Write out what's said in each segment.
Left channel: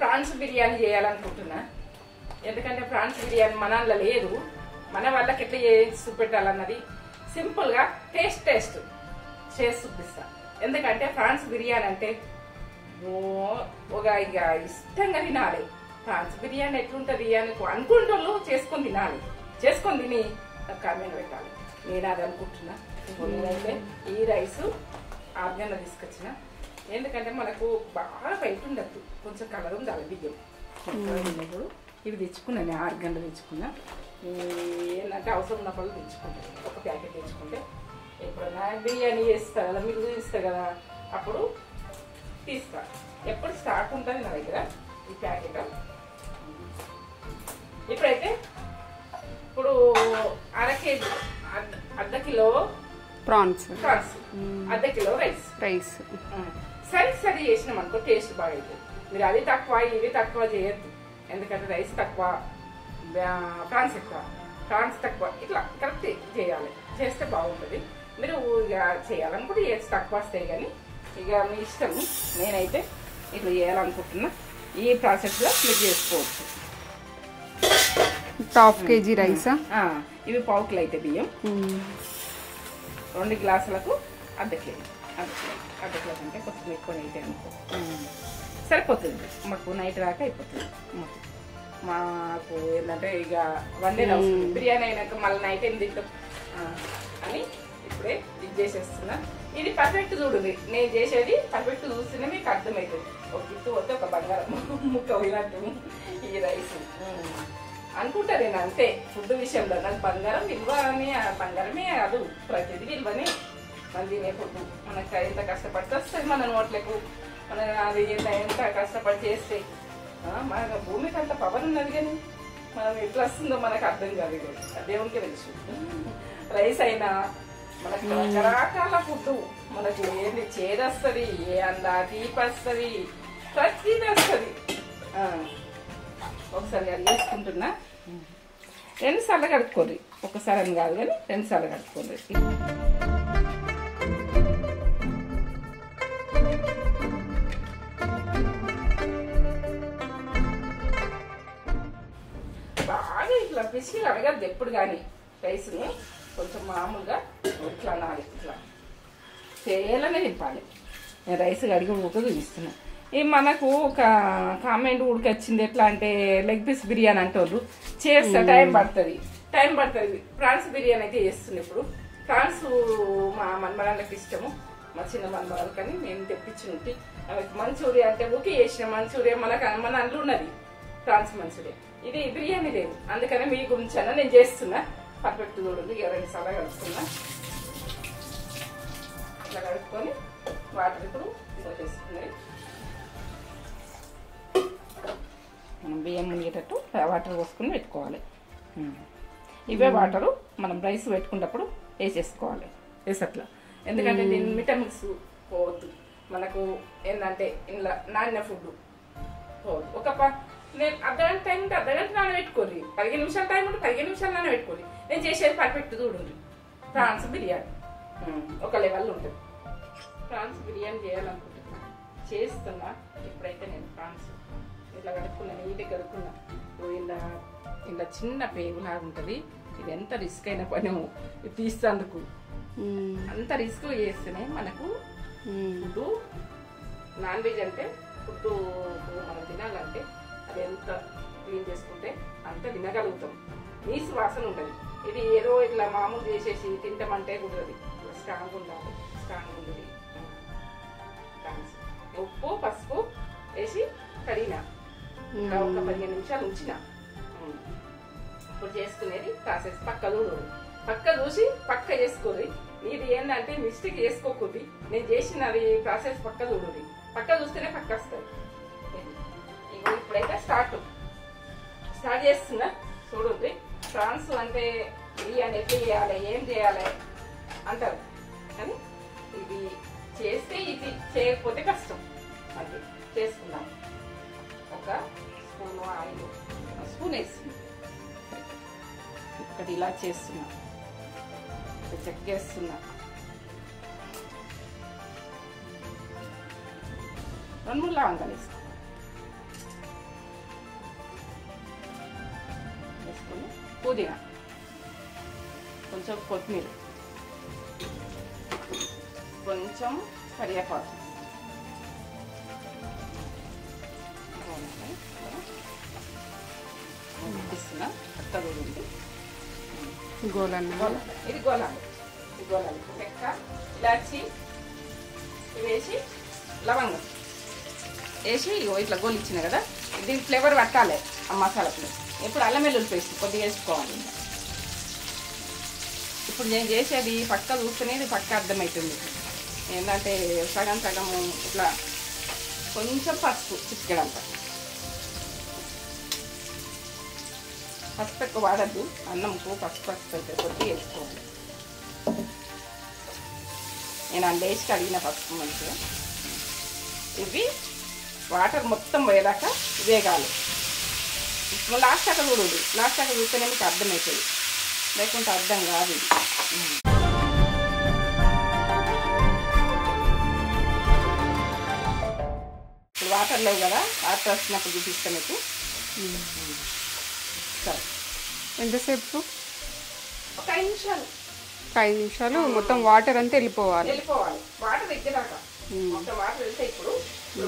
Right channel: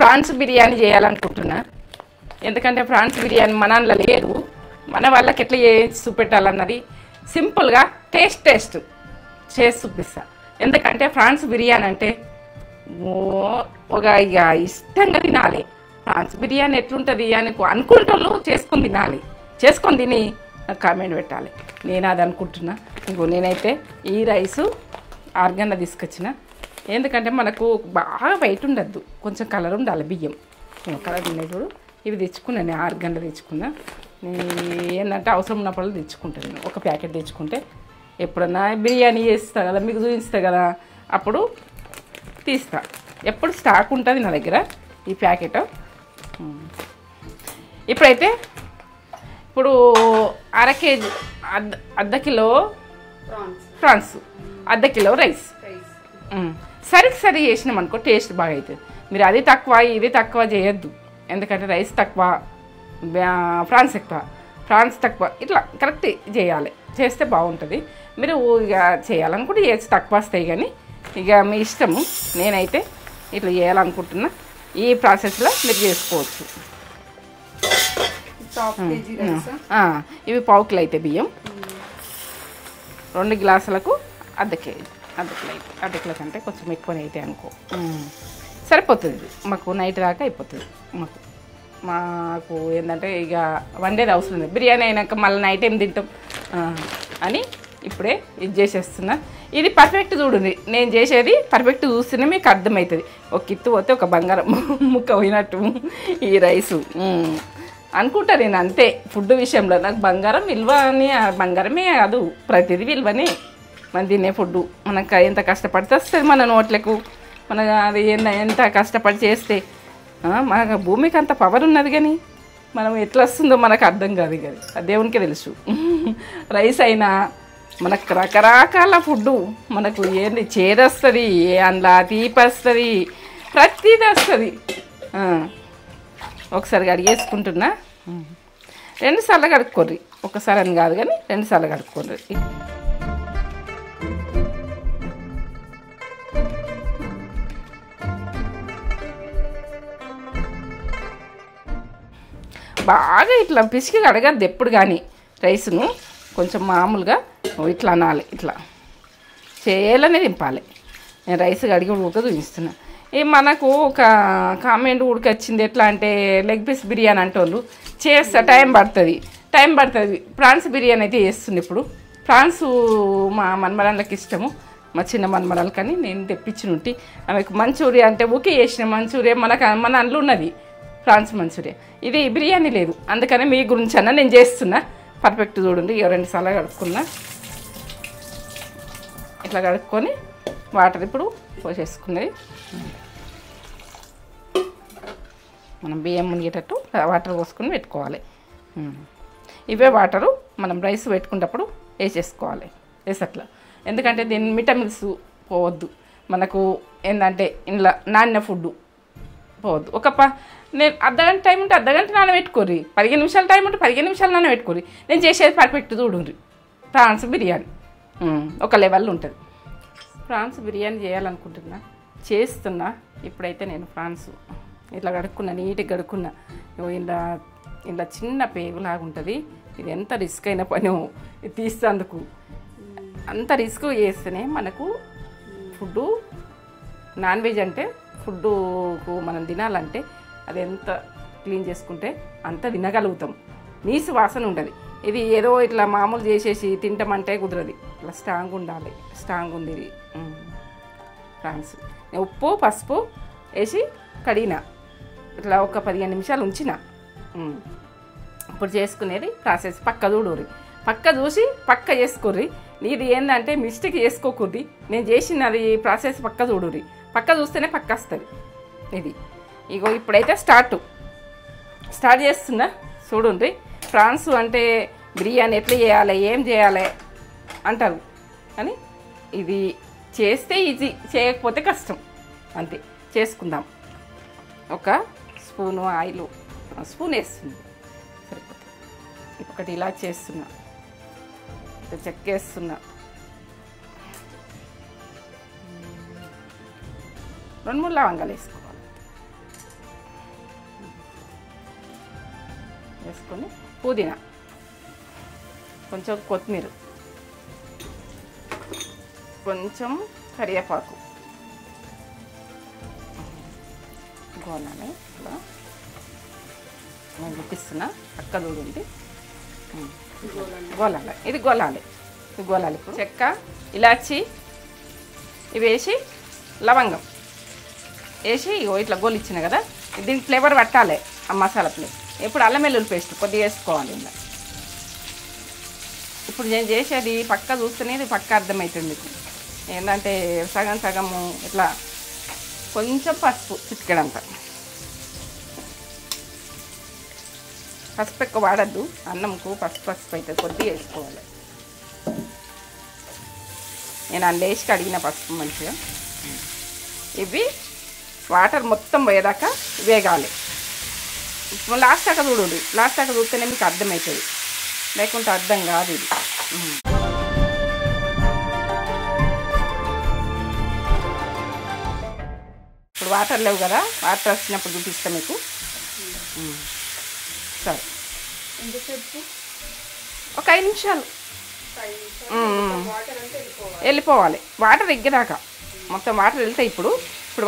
Prawns biryani చేయాలనుకుంటున్నా. ఎందుకంటే prawns biryani మన దాంట్లో లేదు, మన వాళ్ళకి ఎట్లా చేసి చూపెట్టాలన్నది సింపుల్గా టేస్ట్ చేసి చూపిస్తా. ఎందుకంటే ప్రాన్స్ బిర్యానీ అంటే ఒక ఇక ఇష్టంగా తినాలి. ప్రాన్స్ బిర్యానీ ఎట్లుంటుంది అని అనుకుంటూ చేసుకొని తిని కామెంట్ పెట్టాలి. నేను అది అనుకుంటున్నా. ఇంకో నేనైతే ఈ రైసు 6 గంటల తీసుకొచ్చిన. ఎందుకంటే మనకు బాగా వైట్ ఉండద్దు, కొంచెం కలర్ ఉండాలి. బియ్యం కలర్ ఉండేటప్పుడు ఇవి తెచ్చుకున్నాను. నేను 6 గంటలు తెచ్చుకున్నా. ఏంటంటే అవసరం ఉన్నప్పుడు తెచ్చుకుంటాను. ఒక ప్యాకెట్ తెచ్చుకుంటే ఎప్పుడన్నా బిర్యానీ చేస్తా కదా, మీకు చూపిస్తా కదా, అప్పుడు తీస్తా. ఎప్పుడు స్టాక్ ఉంటుంది నా దగ్గర ఈ ప్యాకెట్. ఇప్పుడైతే ఇప్పుడు అరకేజీ అర్ధ కిలో ప్రాన్స్, అర్ధ కిలో రైస్ సరి చేసినాం అనుకో టేస్ట్ బాగా అవుతుంది. మీరు అది తక్కువ ఇది తక్కువ చేయొద్దు. ఎందుకంటే రైస్ తక్కువ, ప్రాన్స్ తక్కువ, ఇట్లా కరెక్ట్ చేయాలి. చేస్తే బాగుంటుంది. మీరు ఇక చేయాలనుకుంటే చేసి తక్కువ వస్తాయి, కానీ ఇక మీ ఇష్టము. నేనైతే ఇట్లా చేయాలనుకుంటున్నా. ఈ ప్రాసెస్లో మీరు చేసుకోవచ్చు. ½ కేజీ రైస్, ఇవి పావు కిలో అయితే బియ్యం, 2 గ్లాసులకు అర్ధ కేజీ, అర్ధ కిలో కంటే కొంచెం ఎక్కువనే అయితే అనుకో సరిపోతుంది. మాకు నైట్ దాకా అయిపోతుంది. మాకు ఏంటంటే ఇక వండేది అవసరం లేదు. బిర్యానీ అయినాక మళ్ళీ నైట్ ఏం తింటాం అని ఇప్పుడే ఇది చేసేస్తున్నా. ఇది పర్ఫెక్ట్ చూడండి, నేను చేసేది పర్ఫెక్ట్ చూస్తేనే మీకు అర్థమవుతుంది. ఒక కిత్తు పోతే ఒక బంగారం ముక్క పోయినట్టు ఈ రైసు అనుకుంటా నేను. అంతే ఫుడ్ విషయంలో నాకు బంగారం విలువ అని, బంగారమే కాదు ప్రతిదీ విలువనే. మనం తినే ఫుడ్ మనకు ఎంత కష్టపడితే వస్తుంది మన నోట్లకు. మన అది ఎంత కష్టపడి చేస్తే మనకు భూమికి అంత పవర్ ఉన్నది, కానీ మనం ఎట్లా వస్తుందో మనకు అర్థం కాదు. కదా అది దేవునికే తెలుసు. రైస్ అయినా మనకు రకరకాల ఫుడ్డు మనకు ఏంది చేదొస్తుంది, అందులో తీపి వస్తుంది, ప్రతిదీ వస్తుంది. ఒకసారి కడిగేసుకుంటున్నా. 2 సార్లు కడుక్కోర్రి, ఒకసారి అని కాదు కానీ 2 సార్లు కడుక్కోర్రి. బాగా ఇట్లా పిసికి కడగద్దు ఎప్పుడు కానీ. రైస్ను కొంచెం మామూలుగా ఇట్లా అనాలి, ఇట్లా చేయాలనే దింపాలి. నేను రైస్ కడిగి ఉడక చూపిస్తున్నా. మనకు ఒక కామెంట్ ఉడికొచ్చింది ఎట్లా అంటే లెగ్ పీస్ బిర్యానీ అంటే వాళ్ళు చేస్తా టైం పడుతుంది. ప్రాన్స్ బిర్యానీ అయితే చేస్తుంది. ఇప్పుడు ప్రాన్స్ మా మన్మరాళ్ళకి ఇష్టము, మా చిన్న మన్మరాలు, కానీ నేను తెప్పించిన ఉంటే ఆమెకు మంచూరియా అంటే ఓకే చేసిన. మంచూరియా మన అందులో ఉన్నది ప్రాన్స్ మంచూరియా, ఇది బిర్యానీ లేదు. అందుకని మీ గురించి అన్న నేను చేస్తున్నా. పర్ఫెక్ట్ చూడండి. 2 సార్లు కడుక్కున్నా. ఇట్లా కడుక్కొని వాటర్ ఇప్పుడు పోసేసుకున్నది. మనం బియ్యం మునిగేటట్టు వాటర్ పోసుకొని పెట్టుకోవాలి. ఇవే వాటరు మనం రైస్ పెట్టుకున్నప్పుడు వేసేసుకోవాలి వేసట్లా. ఎందుకంటే దీని విటమిన్స్ పోవద్దు. మనకు ఏంటంటే ఇంట్లో నాణ్య ఫుడ్ పోవద్దు. నేను అర్ధగంట టైం ఉంటే అర్ధగంట నానబెట్టుకోర్రి, 15 నిమిషాల టైం ఉంటే 15 నిమిషాలు నానబెట్టుకోర్రి. నేను చేసేది పర్ఫెక్ట్ చూడండి. ప్రాన్స్ బిర్యానీ ఒక లెవెల్ ఉంటుంది. ప్రాన్స్ బిర్యానీ చేయాలనుకుంటున్నా, చేస్తున్నా. ఇప్పుడైతే నేను ప్రాన్స్ ఇట్లా కడుక్కున్నా, నీట్గా కడుక్కున్నా. ఇలా చిన్న పేగులాగా ఉంటుంది. ఇది ఎంత రిస్క్ అయిన పని ఇది తీసేందుకు. అంత రిస్క్ చేస్తేనే మనకు ఫుడ్డు, నాన్ వెజ్ అంటే ఫుడ్డు మనం తినాలంటే అది ఎంత క్లీన్ చేసుకుంటే అంత తినగలుగుతాం. నీసు వాసన ఉండదు. ఇది ఏదో ఇట్లా మామూలు చేసేసి తింటామంటే కుదరదు. ఇట్లా స్ట్రాంగ్ ఉండాలి. స్ట్రాంగ్ ఉండేది ప్రాన్స్. ఉప్పు పసుపు వేసి కడిగిన, ఇట్లా ఒక 15 నిమిషాలు ఉంచిన. ఇప్పుడు చేసుకునేది ప్రాసెస్ పక్క చూడరు. పక్క చూసి పక్క చేసుకోర్రి. ఇది ఏంటంటే మిస్టేక్ చేసుకోకూడదు. నేను చేసినది ప్రాసెస్ పక్క చూడరు. పక్క చూస్తేనే పక్క వస్తుంది. ఇది ఇగో ఇప్పుడైతే స్టార్ట్ చేస్తున్నా చూడండి. ప్రాన్స్ అంటే బిర్యానీ ఎట్లా చేయాలి, ఏం చేయాలి అంటారు, కానీ ఇది చేస్తే ఈజీ, చేయకపోతే కష్టం. అంతే. చేసుకుందాం. ఒక స్పూను ఆయిల్, స్పూన్ వేస్తుంది సరిపోతుంది. ఒకటి ఇలా చేస్తున్నా, చెక్కేస్తున్నా. 2-3 లవంగాలు వేసుకోవాలి. వేసుకొని పుదీనా, కొంచెం కొత్తిమీర, కొంచెం కరివేపాకు గోలాలి. నేను చూపిస్తున్నా, అక్క చూడండి. గోలాలి, ఇది గోలాలి. చెక్క, ఇలాచి ఇవి వేసి లవంగం వేసి ఇట్లా గోలు ఇచ్చిన కదా, దీనికి ఫ్లేవర్ పట్టాలి ఆ మసాలా ఫ్లేవర్. ఇప్పుడు అల్లం వెల్లుల్లి పేస్ట్ కొద్దిగా వేసుకోవాలి. ఇప్పుడు నేను చేసేది పక్క చూస్తేనే ఇది పక్క అర్థమవుతుంది. ఏంటంటే సగం సగము ఇట్లా కొంచెం పసుపు చిటికెడంత. పసుపు ఎక్కువ వాడద్దు, అన్నంకు పసుపు అయితే కొద్దిగా వేసుకోవాలి. నేను ఆ లేచి కడిగిన పసుపు మంచిగా. ఇవి వాటర్ మొత్తం పోయేదాకా వేగాలి. లాస్ట్ దాకా చూడండి, లాస్ట్ దాకా చూస్తేనే మీకు అర్థమవుతుంది, లేకుంటే అర్థం కాదు ఇది. ఇప్పుడు వాటర్ లేవు కదా, వాటర్ వచ్చినప్పుడు చూపిస్తాను మీకు. సరే, ఎంతసేపు? ఒక 5 నిమిషాలు. 5 నిమిషాలు మొత్తం వాటర్ అంతా వెళ్ళిపోవాలి. వాటర్ ఎగ్గదాకా మొత్తం వాటర్ వెళ్తాయి. ఇప్పుడు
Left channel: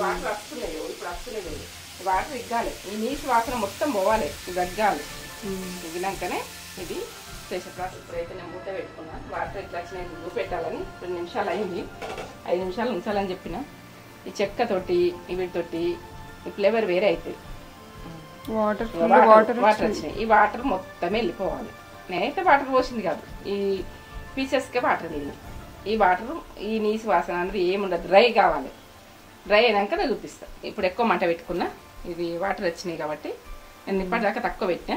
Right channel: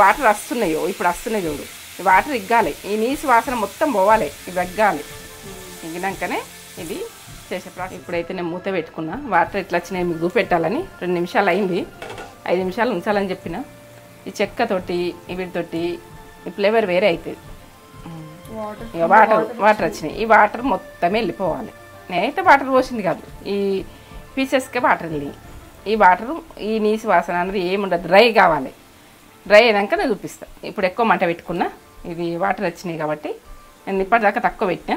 వాటర్ వస్తున్నాయో, ఇప్పుడు వస్తున్నాయి చూడు, ఈ వాటర్ ఇగ్గాలి. ఈ నీసు వాసన మొత్తం పోవాలి, ఇవి ఎగ్గాలి. ఎగినాకనే ఇది చేసే ప్రాసెస్. ఇప్పుడైతే నేను మూత పెట్టుకున్నా, వాటర్ ఎట్లా వచ్చినాయి మీకు పెట్టాలని. 2 నిమిషాలు అయింది, 5 నిమిషాలు ఉంచాలని చెప్పిన. ఈ చెక్కతోటి వీటితోటి ఈ ఫ్లేవర్ వేరే అవుతుంది. వాటర్ వచ్చినాయి, ఈ వాటర్ మొత్తం వెళ్ళిపోవాలి. నేనైతే వాటర్ పోసింది కాదు, ఈ పీసెస్కే వాటర్ వెళ్ళింది. ఈ వాటర్ ఈ నీసు వాసన అనేది ఏముండదు, డ్రై కావాలి. డ్రై అయినాక నేను చూపిస్తాను. ఇప్పుడు ఎక్కువ మంట పెట్టుకున్నా, ఇది వాటర్ వచ్చినాయి కాబట్టి నేను ఇప్పటిదాకా తక్కువ పెట్టినా.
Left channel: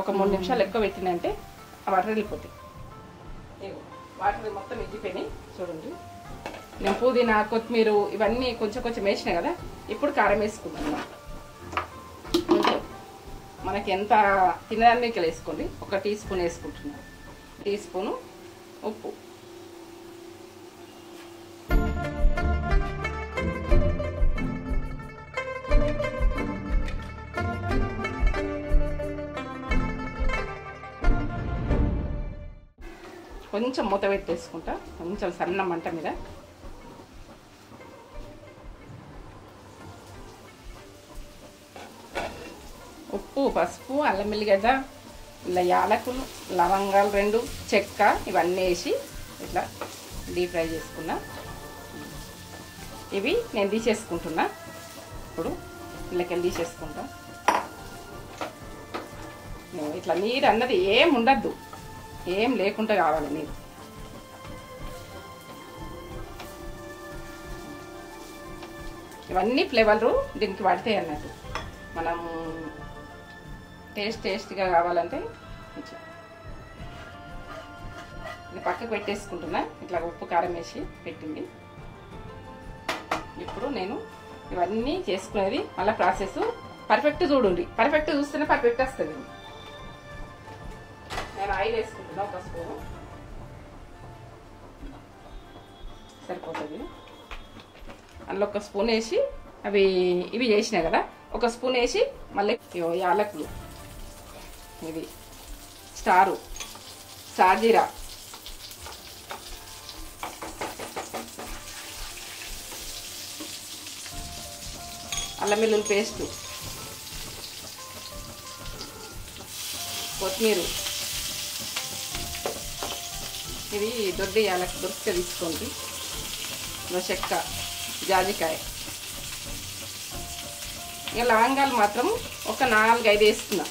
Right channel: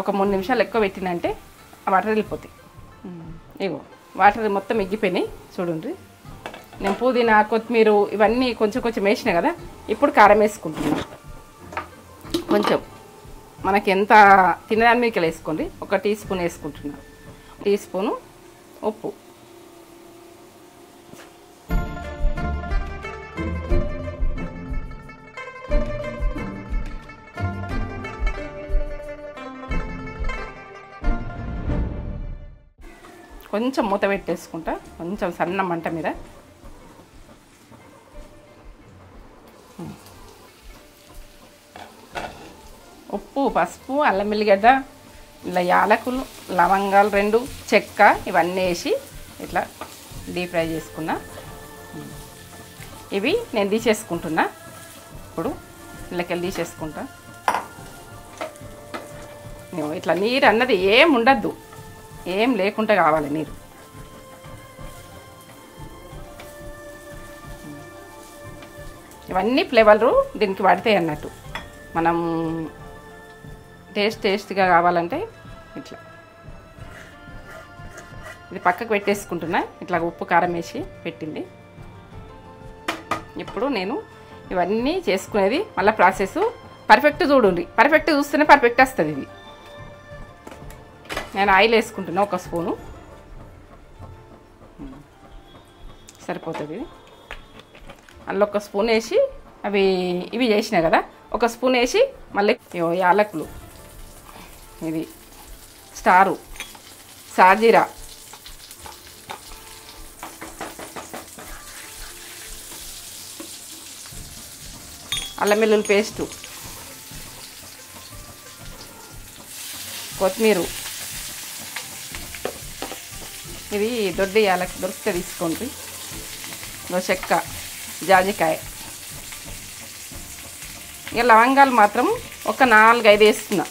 ఒక 3 నిమిషాలు ఎక్కువ పెట్టినంటే ఆ వాటర్ వెళ్ళిపోతాయి. ఇగో వాటర్ మొత్తం ఎగ్గిపోయినాయి చూడండి. నేను పుదీనా, కొత్తిమీర ఇవన్నీ కొంచెం కొంచెం వేసినా కదా. ఇప్పుడు కారం వేసుకుంటున్నా. కొంచెం మనకి ఎంత తినడానికి మీకు వేసుకోండి. 1 టీ స్పూన్ వేసుకుంటున్నా. టీ స్పూను ఉప్పు, కొంచెం మూత పెట్టేసుకుంటా, కొంచెం సన్న మంట మీద. ఉప్పు, పసుపు, అల్లం వెల్లిగడ్డ, ఇలా యాలకులు, లవంగాలు 2, చెక్క ఇవన్నీ వేసి ఇట్లా డీప్ ఫ్రై చేసుకున్నా. ఇవి నేను తీసేసుకుంటున్నా. ఇప్పుడు ఇళ్ళకెళ్ళి తీసేసుకుంటా. ఇట్లా నీరు అన్నది ఏం ఉండద్దు, ఏం లేకుండా కావాలి నీరు. ఇవన్నీ ఫ్లేవర్లు దీనికి పడతాయి అన్నట్టు. మనం టేస్ట్గా కావాలంటే ఇట్లా ఇది పక్కకు పెట్టేసుకుంటున్నా. ఇట్లా ఉప్పు కారం వేసి పెట్టింది. ఇప్పుడు నేను ఇవన్నీ చేసుకునేది మళ్ళీ ప్రాసెస్ పర్ఫెక్ట్ చూడండి. పర్ఫెక్ట్ చూస్తేనే పర్ఫెక్ట్ వస్తుంది. ఇది నేను ఆయిల్ వేసుకుంటున్నా, 1 స్పూను సరిపోతుంది. అందులో 1 స్పూన్ వేసి ఇవి చేసినా కదా, 1 స్పూన్ వేసి మళ్ళీ యాలకులు, ఇది స్టారు, సాజీరా, అల్లం వెల్లుల్లి పేస్టు, కొత్తిమీర, ఇది దొడ్డ యాలక్ దొరికితే తీసుకోండి. చెక్క, జాజికాయ. ఇక లవంగాలు మాత్రం ఒక 4-5 వేస్తున్నా,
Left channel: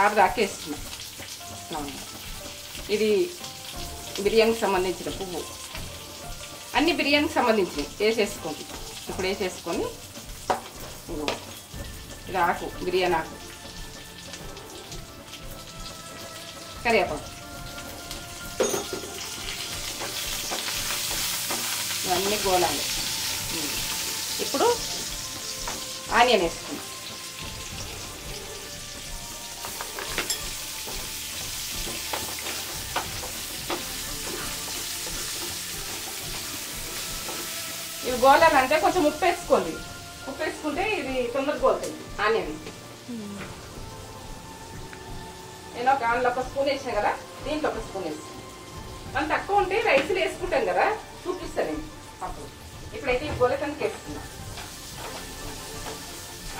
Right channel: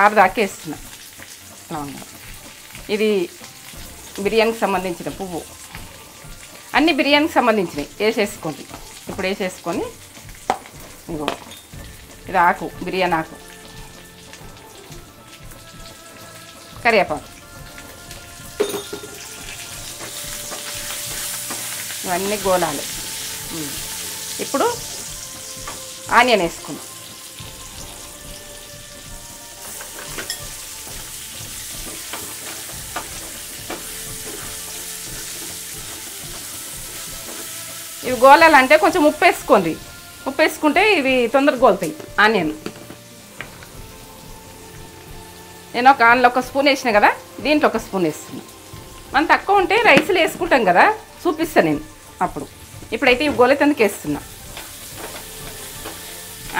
6 దాకా వేస్తున్నా లవంగాలు. ఇది బిర్యానీకి సంబంధించిన పువ్వు, అన్ని బిర్యానీకి సంబంధించినవి వేసేసుకోండి. ఇప్పుడు వేసేసుకొని ఇంకో ఇది ఆకు, బిర్యానీ ఆకు, కరివేపాకు, ఇవన్నీ గోనాలి. ఇప్పుడు ఆనియన్ వేసుకున్నాం. ఇవి గోలాలంటే కొంచెం ఉప్పు వేసుకోండి. ఉప్పు వేసుకుంటే ఇవి తొందరగా గోలుతాయి ఆనియన్. నేను అందులో ఒక స్పూన్ వేసిన కదా, దీంట్లో ఒక స్పూన్ వేస్తుంది. మనం తక్కువ ఉంటే రైస్లో వేసుకుంటాం కదా, చూపిస్తాను నేను అప్పుడు. ఇప్పుడైతే ఈ గోలెతందుకు వేస్తున్నా.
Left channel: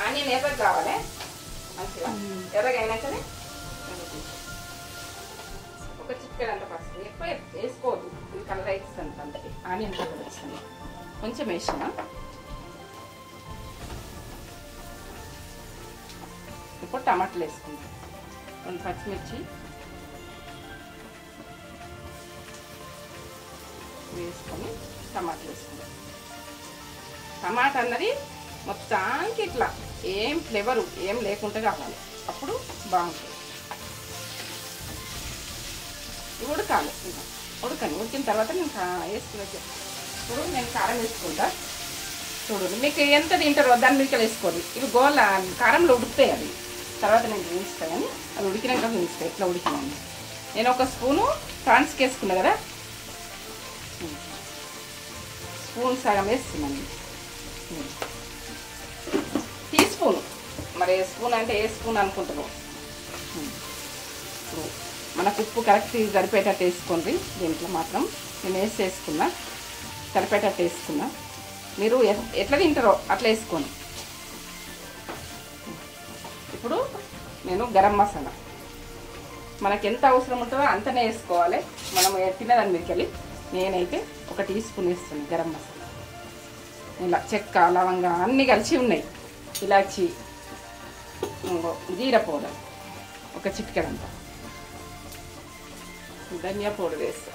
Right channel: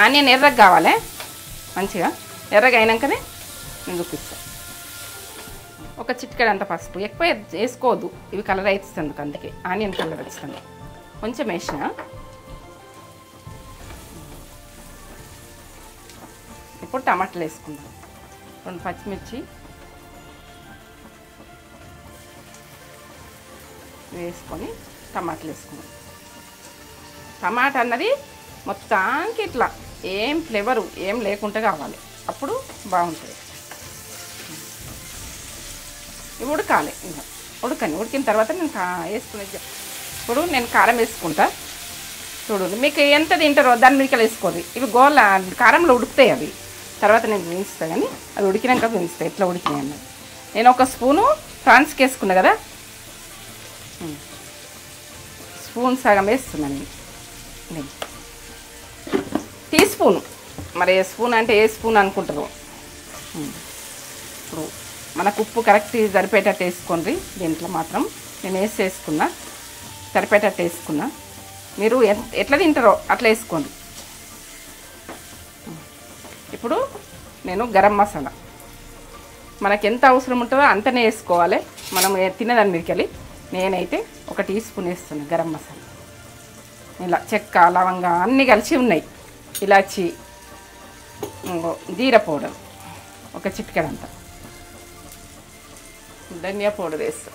ఆనియన్ ఎర్రగా కావాలి, మంచిగా ఎర్రగా అయినాకనే నేను చూపిస్తాను. ఒక చిటికెడంత పసుపు, ఎక్కువ వేసుకోవద్దు, ఇవి కలర్ అవుతుంది, అందుకే ఆనియన్ కలర్ వస్తుంది. కొంచెం వేసిన. ఇప్పుడు టమాటాలు వేసుకుంటాం. 2 పచ్చిమిర్చి వేసుకొని టమాటాలు వేసుకోవాలి. టమాటా అన్నది మొత్తానికి ఇట్లా ఏం ఫ్లేవరు ఏం లేకుండా కావాలి, అప్పుడు బాగుంటుంది. ఇవి ఉడకాలి, ఇంకా ఉడికిన తర్వాత నేను వేసుకునే. ఇప్పుడు నేను కారం వేసుకుంటా చూడండి. మీకు ఎంత తింటారో దాని మీదకి వేసుకోండి. ఇవి గోల కారంలో ఉడుకుతాయి అవి, తర్వాత నేను చూపిస్తాను. కానీ అది ఉడికినాక చూపిస్తాను ఎట్లా ఉడికినాయి అన్నది. నేను ఒక స్పూను ప్రాన్స్కి వేసుకున్నా కదా, స్పూన్ సగం వేస్తున్నాను నేను. టీ స్పూన్, మరి ఏ స్పూన్ అంటే ఏ స్పూన్ అనుకుంటారు. ఇప్పుడు మనకు ఉప్పు కరెక్ట్ సరిపోయేటట్టు వేసుకోండి. దీంట్లో మాత్రం నేను వేసుకున్నా, సరిపోయేటట్టు వేసుకున్నా. మీరు ఎట్లా తింటారో అట్లా వేసుకోండి. ఇప్పుడు నేను గరం మసాలా మనకి ఎంత అవసరం ఉంటుందో అంతనే వేసుకోవాలి. మనం తినేదాన్ని మీదకెళ్ళి నేనైతే 1 టీ స్పూన్ వేస్తున్నాను గరం మసాలా. ఇలా చెక్క, లవంగా అన్నీ కలిసి ఉన్నాయి. ఇలాచి, జీరా పౌడర్ 1 చిటికెడంతా, ధనియా పౌడర్ వేస్తా.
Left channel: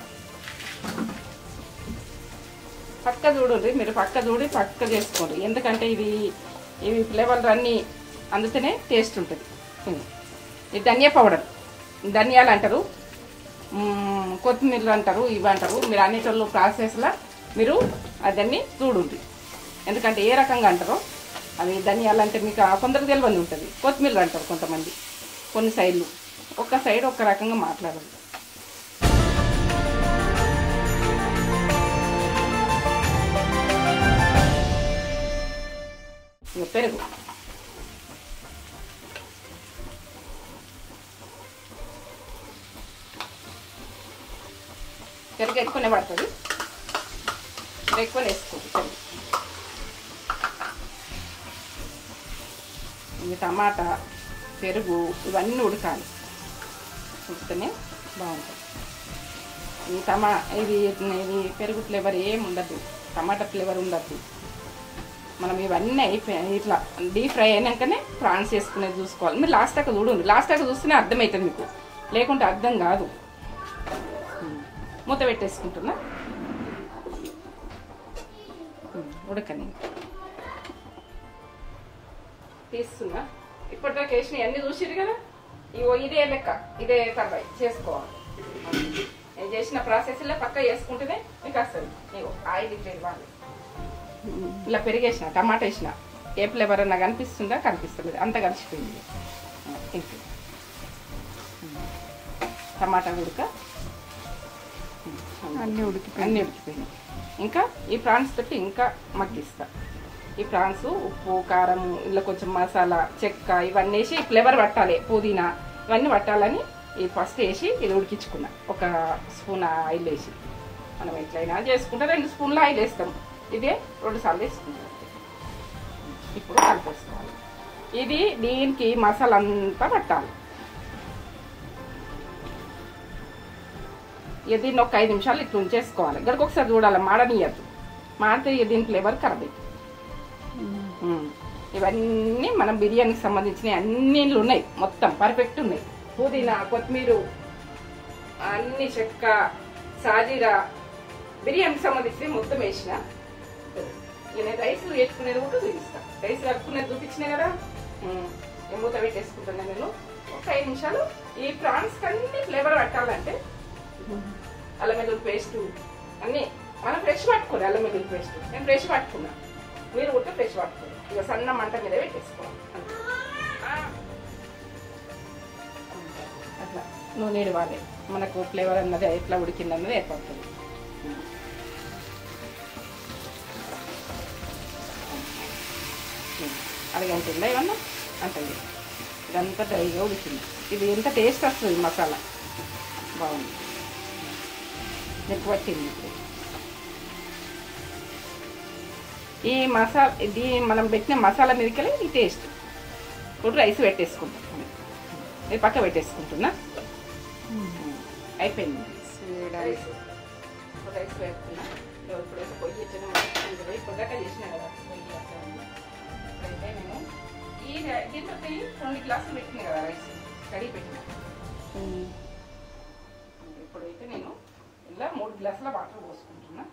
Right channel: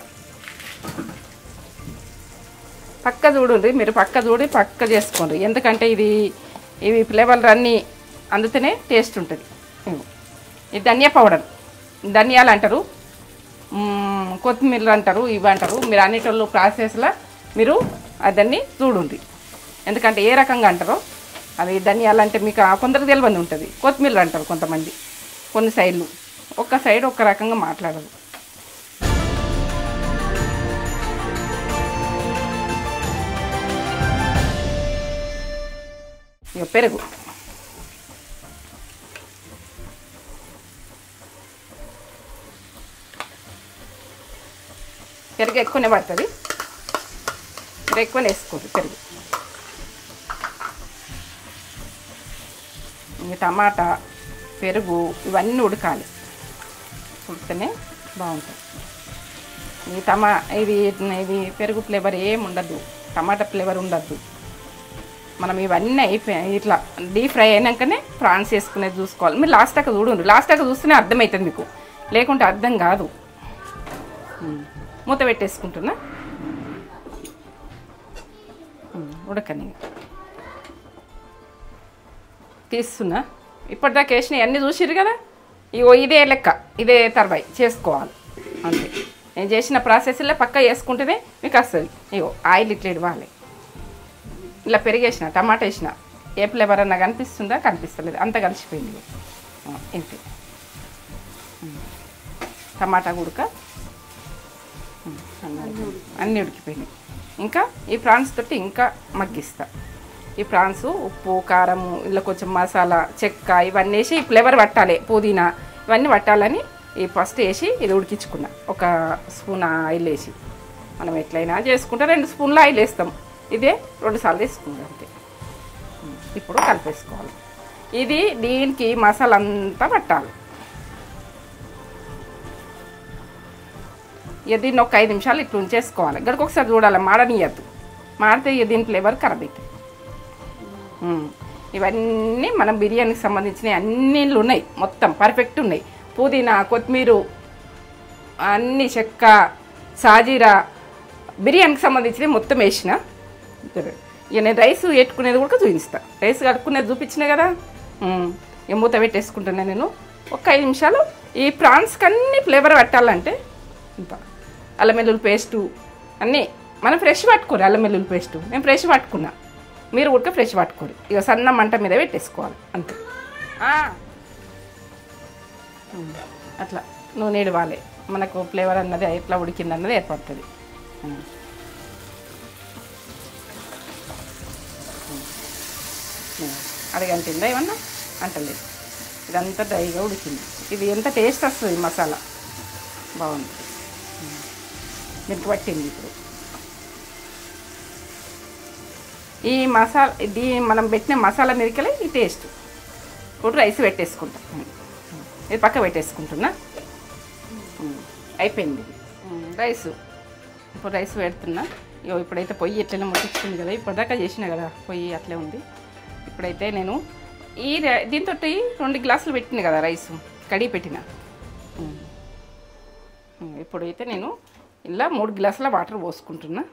పక్క చూడండి, మీరు పక్క చూడి పక్క చేసుకోండి. ఎందుకంటే ఇవి ఫ్లేవర్లు అన్నీ అందుతూనే టేస్ట్ ఉంటుంది. ఇది ధనియా పౌడర్, ధనియాలు అంటారు, కొత్తిమీర అంటారు, ఇవి అంటారు. మీరు అన్నిటిలో ప్రాసెస్లో మీరు దాన్ని చూడండి. ఎందుకంటే ఏ రకంగా అంటారో అది. ధనియాలు అంటే మీకు కొందరికి తెలియని ఉంటుంది, కొత్తిమీర అంటారు కొంతమంది, కొన్ని సైడ్లు. ఒక సైడ్ ఒక రకంగా మాట్లాడరు. ఇక పెరుగు, పెరుగు ఎక్కువనే పడుతుంది, మీరు ఎక్కువనే వేసుకోరు పెరుగు. ఈ టమాటా, పెరుగు ఇవన్నీ ఉడకాలి, ఉడికితేనే బాగుంటుంది. ఇది పెరుగు ఫ్లేవర్ ఏమి ఉండదు, టమాటా ఫ్లేవర్ ఉండద్దు. మనం ఇవన్నీ అయిపోయాయి ఇట్లా డీప్ ఫ్రై అయినాకనే ప్రాన్స్ వేసుకునేది చూసుకోవాలి. మీరు లాస్ట్ దాకా చూడండి, లాస్ట్ దాకా చూస్తేనే అర్థమవుతుంది మీకు, లేకుంటే అర్థం కాదు. మూత పెట్టేసుకుంటున్నా, ఉడకని తీస్తున్నా. ఇప్పటిదాకా వేసినవి అన్నీ చూసిరు కదా, ఇదే లెక్క, ఇదే తర్వాయి చేసుకోవాలి అంతే. నేను చేసిన ప్రాసెస్లో పక్కా వేసుకుంటేనే మీకు వస్తుంది. ఆయిల్ ఇట్లా ఇవ్వాలి. ఇలా పెరిగేసిన, టమాటా వేసిన, ఏ ఫ్లేవర్ అన్నా కనిపిస్తుందా, కనిపిస్తలేదు, అంత కలిసిపోయింది. ఇంతే, టమాటా ఉడక అన్నీ ఉడికిపోయినాయి. ఇంకా ఈ ప్రాన్స్ తోటి ఇంకా మగ్గిస్తా. ఈ ప్రాన్స్ ఉప్పు, కారము, ఇలా కొంచెం మసాలా, చెక్క ఇవన్నీ వేసి ఫ్లేవర్ పట్టాలి, పుదీనా ఇవన్నీ పట్టాలని ఈ ఫస్ట్ వేసి ఇది ఉడికించుకున్నా. 1 స్పూన్ ఆయిల్ వేసి, మనం ఎట్లయినా చేసుకుంటే 2 స్పూన్ల ఆయిల్ వేస్తాం, ఇదే 2 సార్లు వేసుకుందాం అంతే. ఇప్పుడు కలిపేసుకోవాలి. ఇది దీనికి మసాలా అంతా పట్టాలి. దీన్ని ఒక 5 నిమిషాలు ఇట్లా ఉంచేసుకోవాలి. గడికి ఒకసారి చూడాలి, మాడనియద్దు, మాడితే దీని ఫ్లేవర్ ఖరాబ్ అవుతుంది. ఇవన్నీ మనం బిర్యానీకి సంబంధించిన అన్ని ఉన్నాయి, మొత్తం పర్ఫెక్ట్ ఉన్నాయి. పుదీనా, కొత్తిమీర, అన్ని చెక్క, సాజీరా, బిర్యానీకి సంబంధించినవి మొత్తం వేసిన. ఇక నేను రైస్ పెట్టుకునేది కూడా చూపిస్తా. రైస్ కడుక్కునేది చూపించిన కదా, మూత పెట్టేసుకుంటున్నా నేను. ఒక 5 నిమిషాలు ఈ ప్రాన్స్కి అన్ని ఫ్లేవర్ పట్టాలంటే అల్లం వెల్లుల్లి పేస్టు అన్నీ మనం ఫ్రెష్ పట్టుకోరు. అల్లం వెల్లుల్లి పేస్టు నేను ఫ్రెష్ పట్టుకున్నా, మీరు ఉడక ఫ్రెష్ పట్టుకోరు. ఇక సన్న మంట మీద పెట్టేసుకోవాలి అంతే. అట్లా నూనె ఇవ్వాలి, మనకు ఫ్లేవర్ అన్నది ఎట్లా ఉడికింది అన్నది ఏర్పడుతుంది. అడగంటుందా ఏమన్నా అంటలేదు, ఇదంతా డ్రైగా ఉడికింది. ఇది ఎంత టేస్ట్ వస్తుంది మసాలా బాగుంది. దీనికి పట్టింది ఇప్పుడు ఈ మసాలా, ఇది మనం పెట్టిన మసాలా మీదకెళ్ళి ఈ టేస్ట్. ఇప్పుడు రైస్ పెట్టేసుకుంటాం, ఇది పక్క పెట్టేసుకుంటున్నా. అయిపోయింది రైస్. ఇప్పుడు రైస్ పెడుతున్నా. ఇప్పుడైతే పొయ్యి ఎట్లనే ముట్టించుకుంది కదా, ఇప్పటిదాకా చేసినా కదా పొయ్యి అట్లే ఉంది. ఇప్పుడైతే నేను దీంతో 2 గ్లాసులు పెట్టిన కదా రైస్ కడిగి పెట్టిన. ఇప్పుడైతే నేను ఇలా 3 గ్లాసుల వాటర్ పోసుకుంటున్నా.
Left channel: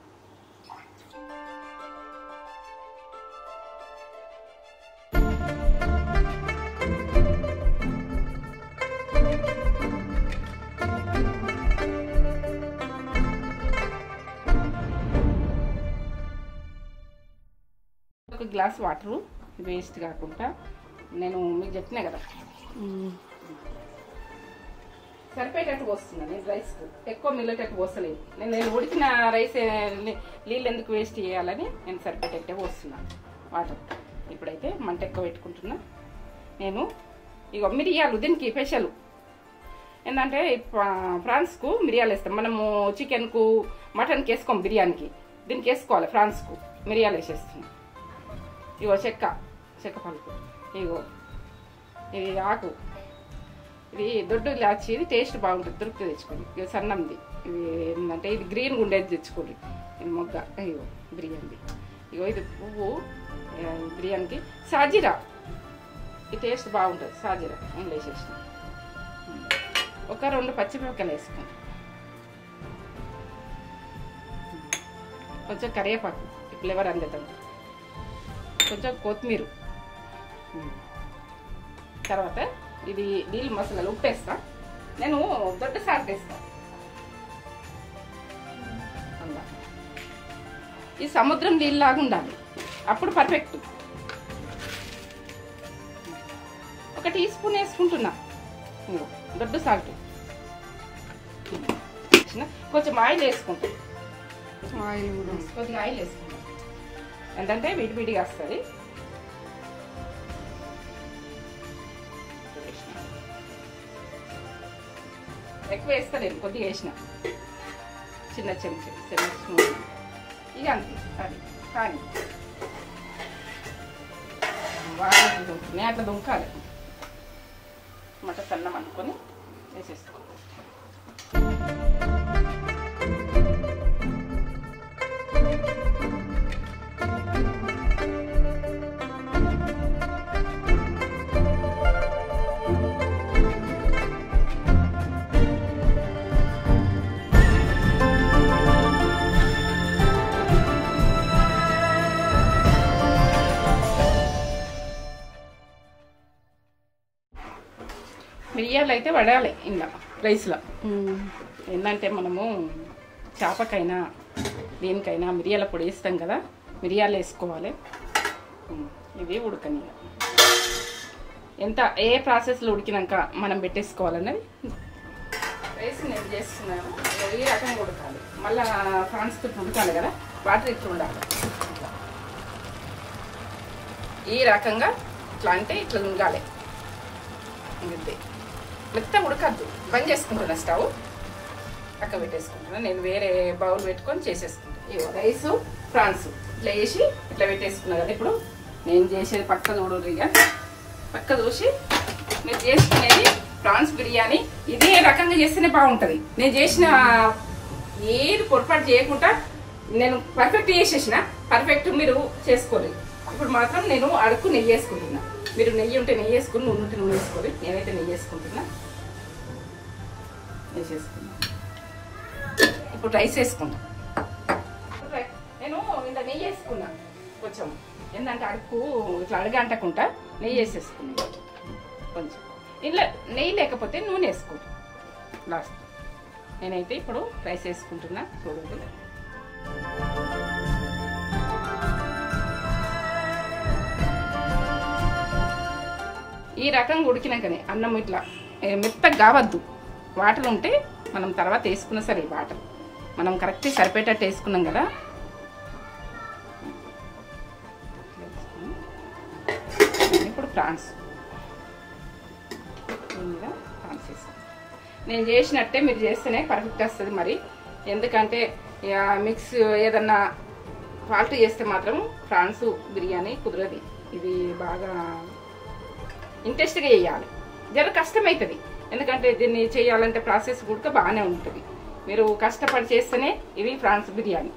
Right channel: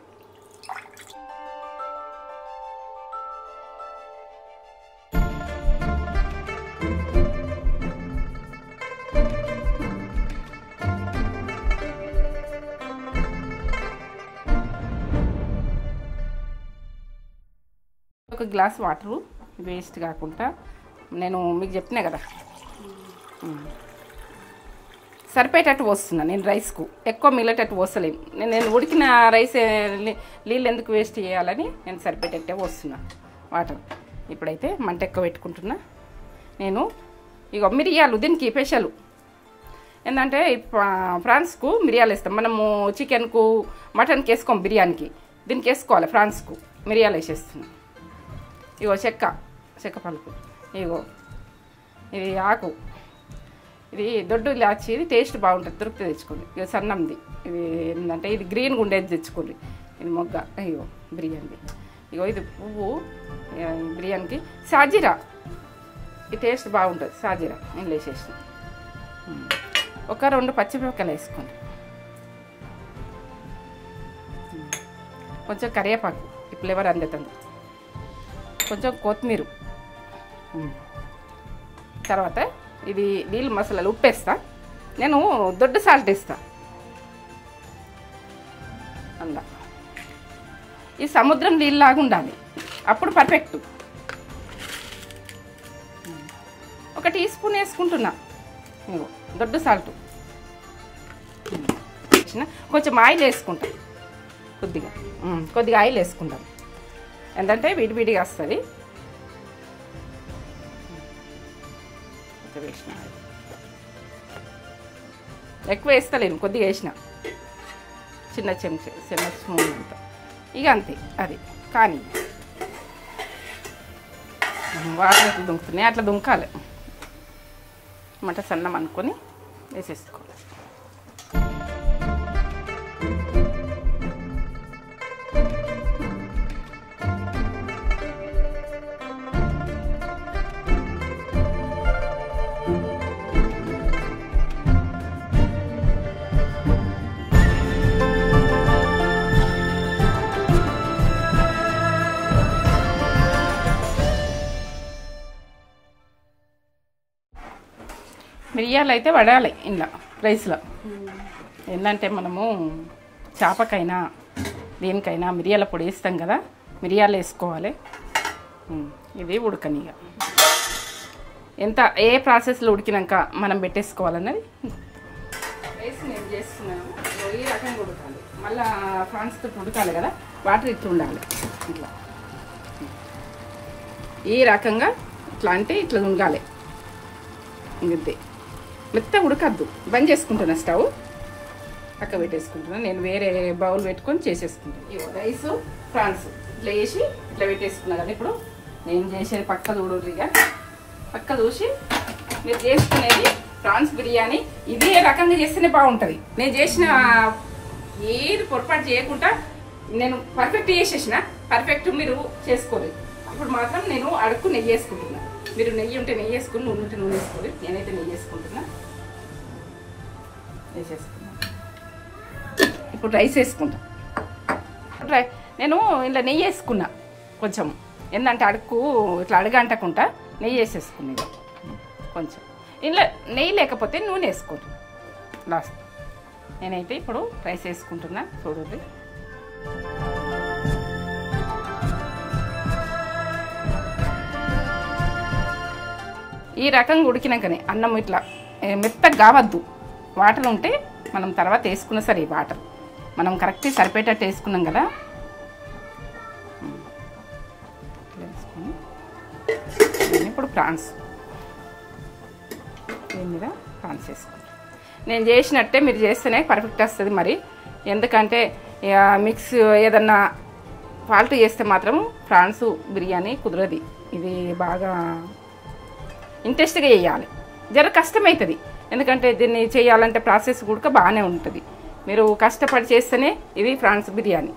ఒక గ్లాస్ వాటరు వేస్ట్ కాకుండా నేను మీకు చెప్పినా కదా సరిపోయేటట్టు పోస్తున్నా. నేను రైస్కు ఎక్కువ మిగిలేటట్టు పోస్తలేము. నేను ఉడికిన రైస్ నీళ్ళు ఎందుకు వేస్ట్ చేయాలని నేను సరిపోయేటట్టే పోస్తున్నా వాటర్. ఇప్పుడైతే మంట ఎక్కువ పెట్టుకుంటున్నా. నేను ఇక మిరియాలు దీనికి స్పెషల్ ఏంటంటే ఫ్రాన్స్కు మిరియాలు వేస్తాం. మనము చికెన్కు మటన్కి వేసుకోం, బిర్యానీకి దీనికి వేసుకోవాలి. ఫ్రాన్స్కు మిరియాలు వేసేస్తున్నాం. ఇగో చెక్క పలుకు, ఇగో ఇది ఆకు, ఇది దొడ్డు ఇలాచి, ఇది టేస్ట్ బాగుంటుంది. దొరికితే తెచ్చుకోండి. ఇక సన్నంది ఇది ఏంటంటే ఇది గ్రీన్గా ఉండేది తెచ్చుకోండి. ఇది మొగ్గ, ఇగో బిర్యానీ. ఇగో ఇది పువ్వు బిర్యానీకి. సాజీరా, ఈ టేస్ట్ బాగుంటుంది. సాజీరా నేను వేసేసిన. ఒక 2 పచ్చిమిరపకాయలు వేసుకోండి. కొంచెం కరివేపాకు, ఈ ఫ్లేవర్ అందుతుంది. కొంచెం కొత్తిమీర. తర్వాత ఇది నీళ్ళు మసాలాలు ఉప్పేస్తా. నేను దొడ్డు సాల్ట్ వేస్తా. అలా ఈ సముద్రం నీళ్ళలాగా ఉండాలి, అప్పుడు పర్ఫెక్ట్. 1 టీ స్పూన్ వేసుకుంటున్నా దొడ్డు సాల్ట్. కొంచెం ఆయిల్ వేసుకుంటా, కొద్దిగా ఆయిల్ వేసుకుంటాం. ఏంటంటే విడివిడిగా వస్తుంది. ఎక్కువ వేస్తలేను, కొద్దిగా వేసిన, చిన్న స్పూన్. ఇక అంతే, అది కానీ వాటర్ ఎట్లా దుంకుతున్నాయి అట్లా దుంకాలి. మంట సన్నం అనుకొని వేసేసుకోవాలి. మిరియాలు అయితే పడాలి ఇలా రైస్లో. ఏంటంటే మనము చేపకైనా దేనికైనా మిరియాల పొడి వేస్తాం కదా, మిరియాలు వేసుకోవాలి. ఇవి ఉడకనిగా ఎంత ఏ ప్రాసెస్లో ఉడికినాక మనం పెట్టేసుకోవాలన్నది రైస్ నేను చేస్తున్నాను. ఈ రకంగా ఉడకాలి, మళ్ళీ ఫ్రాన్స్తో ఉడకాలి కదా, వాటర్ ఇట్లా ఉండాలి. ఈ రకంగా ఇట్లా అంటే ఇట్లా ఉండాలి. ఇంతే, మెత్త ఉడకద్దు. బంద్ చేసుకుంటున్నా, స్టవ్ పక్క పెట్టేసుకుంటున్నా. నేను వేరే బౌల్ పెట్టుకొని చేసేసుకుంటాను. ఇవో రైసు ఫ్రాన్స్ ఇట్లా వేసి ఇట్లా పెట్టేసుకున్నా కదా. ఇప్పుడు నేను చేసేది పక్క చూడుగా, పక్క చూసి మీరు చేసుకునేది ప్రాన్స్ బిర్యానీ ఇదే రకంగా చేస్తేనే బాగుంటుంది. నేను చేసిన ఏది పొరపాటు చేయకుండా నేను పర్ఫెక్ట్ చేసేసిన, పర్ఫెక్ట్ మీరు చేసుకోలేదు. ఇప్పుడు మాత్రం నేను అడుక్కు నెయ్యి వేసుకుంటున్నా. మీరు నెయ్యి ఉంటే నెయ్యి వేసుకుని, నూనె ఉంటే నూనె వేసుకోవాలి. నేనైతే నెయ్యి వేసుకుంటున్నా. వేసేసుకున్నా. ఇప్పుడు రైస్ వేసుకుంటా. నేను ఇలా నెయ్యి వేసుకున్నా కొంచెం. ఏంటంటే అడుక్కు ఇట్లా అడగంటకుండా నెయ్యి వేసేసుకున్నా కొంచెం. ఇలా నెయ్యి లేకపోతే నూనె వేసుకోండి లాస్ట్. నేనైతే ఇప్పుడు రైస్ వేసుకుంటున్నా. చూడండి, ఈ రకంగా ఉడికినాకనే అన్నం ఇట్లా మెత్తగా కావద్దు. వాటర్ ఉంటే మనం తర్వాత వేసుకున్నా సరే, వాటర్ మనం కరెక్ట్ సరిపోయేటట్టు వేసుకున్నాం కదా. ఇప్పుడు ప్రాన్స్ దీని మీద ప్రాన్స్ వేసుకోండి. నేను చేసినట్టే మీరు చేస్తేనే పర్ఫెక్ట్ వస్తుంది. మరి ఎందుకంటే మిక్స్ ఏదన్నా ఫాల్ట్ చేస్తే మాత్రం ప్రాన్స్ బిర్యానీ కుదరది. ఇది బాగా ఇంట్రెస్ట్గా చేయాలి. జర కష్టమవుతుంది, ఎందుకంటే దీన్ని చేయాలంటే ప్రాసెస్ కూడా బాగానే ఉంటుంది. మీరు కష్టపడి చేస్తేనే ఇది ప్రాన్స్ బిర్యానీ.